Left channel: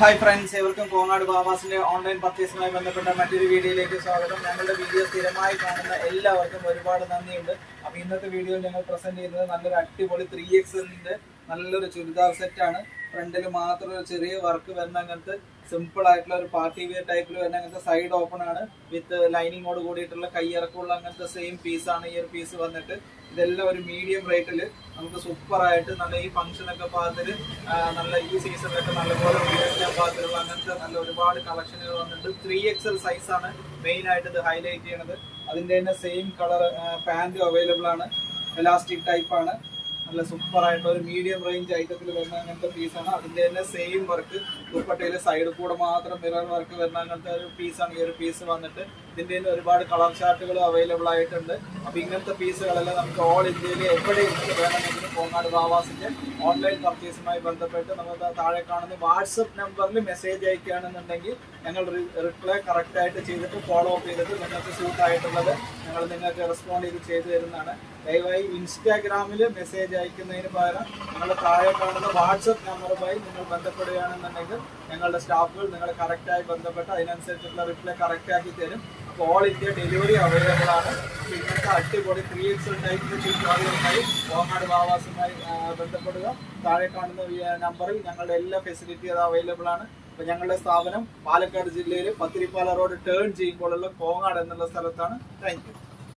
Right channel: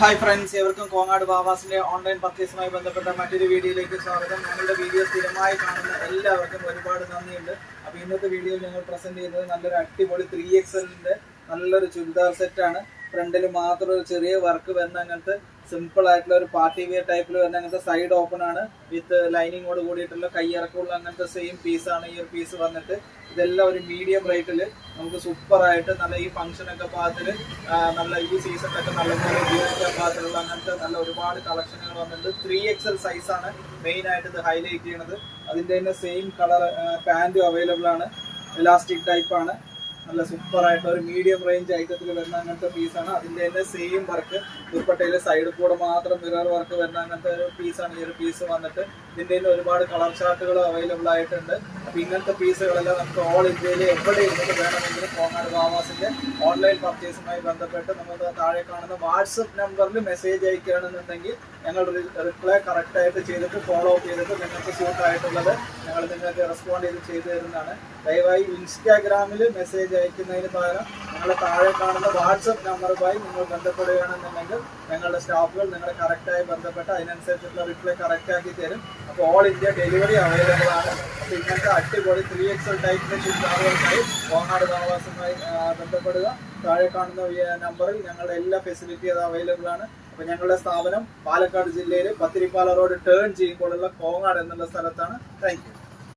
Hi friends, ഏവർക്കും Kongad ബാവാസിന്റെ online പർച്ചേസുമായി ബന്ധപ്പെട്ട മറ്റൊരു വീഡിയോയിലേക്ക് സ്വാഗതം. നമ്മുടെ വീഡിയോ സ്ഥിരമായി കാണുന്ന എല്ലാവർക്കും ഒരുപാട് നന്ദിയുണ്ട്. അപ്പോൾ ഇന്നത്തെ വീഡിയോ ഞങ്ങൾ പ്രസന്റ് ചെയ്യുന്നത് നല്ലൊരു അടിപൊളി 3XL നല്ലൊരു ചുരിദാർ സെറ്റാണ്. ഫ്രണ്ടിൽ മാത്രം ഒരു ചെറിയ വർക്ക് വരുന്ന അങ്ങനത്തെ സിമ്പിൾ ആയിട്ടുള്ള ഒരു പാർട്ടി വെയർ ടൈപ്പിൽ വരുന്ന അങ്ങനത്തെ സൈഡ് ഓപ്പൺ ആണ് വിത്ത് ലൈനിങ്ങോട് കൂടിയിട്ടുള്ള കയ്യിറക്കമുള്ള അങ്ങനത്തെ സെയിം പീസാണ് ഈ ഒരു പീസ് വന്നിട്ട്. ഇതെല്ലാം ഒരു മീഡിയം റേറ്റിൽ നമുക്ക് സൂപ്പറായിട്ട് നല്ല ഈ ഫംഗ്ഷനൊക്കെ പാകത്തിൽ നല്ല ഈ സീസണിലൊക്കെ നല്ലപോലെ ഉപയോഗിക്കാൻ പാകത്തിലുള്ള അങ്ങനത്തെ നല്ല ഒരുപാട് കളക്ഷനുകൾ വന്നിട്ടുണ്ട്. 3XL സൈസാണ് മെയിനായിട്ട് ഇത് ഹൈലൈറ്റ് ചെയ്യണത്. അതിൻ്റെ തന്നെ സെയിം കളർ പാൻറ്റും അവൈലബിൾ ആണ്. എലാസ്റ്റിക് ടൈപ്പാണ്. നല്ല സൂപ്പറായിട്ടുള്ള ഒരു മീഡിയം റേഞ്ച് ഐറ്റത്തിൽ വരുന്ന അങ്ങനത്തെ പീസാണ്. അതിൻ്റെ തന്നെ സെയിം വർക്ക് ദുപ്പട്ടയിൽ സൈഡിൽ കൂടെ മാത്രം മിറർ വർക്ക് വരുന്ന അങ്ങനത്തെ ഒരു പീസാണ് ഈ ഒരു പീസ് വന്നിട്ട്. ഇതിൻ്റെ ഒരുപാട് കളർ ചാർട്ടുകൾ അവൈലബിൾ ആയിട്ടുണ്ട്. അപ്പോൾ ഇങ്ങനത്തെ പീസുകളെല്ലാം നമുക്ക് ഓൾ ഇന്ത്യയിൽ എവിടെ ഇരുന്ന് വേണമെങ്കിലും കോങ്ങാട് ബാവാസിൻ്റെ ഓൺലൈൻ പർച്ചേസുമായി ബന്ധപ്പെട്ട് നമുക്ക് താഴെ കാണുന്ന വാട്സപ്പ് നമ്പറിൽ മെസ്സേജ് അയക്കുകയാണെന്നുണ്ടെങ്കിൽ ഞങ്ങൾ റിപ്ലൈ കറക്റ്റായിട്ട് ചെയ്തിട്ട് ഫോളോ അപ്പ് ചെയ്തിട്ട് നിങ്ങൾക്ക് സൂട്ടായിട്ടുള്ളത് ഞങ്ങൾ നിങ്ങൾക്ക് റെസ്പോണ്ട് ചെയ്ത് തരുന്നതാണ്. ദയവായി ഇൻസ്റ്റാഗ്രാമിൽ മെസ്സേജ് അയക്കുന്നതിന് പകരം നിങ്ങൾ താഴെ കാണുന്ന വാട്സപ്പ് നമ്പറുമായി നിങ്ങൾ ബന്ധപ്പെടുകയാണെന്നുണ്ടെങ്കിൽ ഞങ്ങളുടെ സ്റ്റാഫുകൾ നിങ്ങളെ കറക്റ്റായി ബന്ധപ്പെട്ട് അതിനനുസരിച്ചുള്ള റിപ്ലൈ കറക്റ്റാക്കി തരും. അപ്പോൾ ഓൾ ഇന്ത്യ ഡെലിവറി അവൈലബിൾ ആണ്. അപ്പോൾ ഇങ്ങനത്തെ അടിപൊളി 3XL ടൈപ്പിൻ്റെ ചുരിദാറുകൾക്കായി കോങ്ങാട് ബാവാസുമായി ബന്ധപ്പെടുക. താഴെ കാണുന്ന നമ്പറിൽ ഞങ്ങളുടെ എല്ലാ ഫെസിലിറ്റി അത് അവൈലബിൾ ആണ്. അപ്പോൾ ഞങ്ങളുടെ സ്ഥാപനം പാലക്കാട് ജില്ലയിൽ പത്തിരിപ്പാല റോഡ് ടേൺ ചെയ്യുമ്പോഴുള്ള കോങ്ങാട് എന്നുള്ള സ്ഥലത്താണ്. Thank you.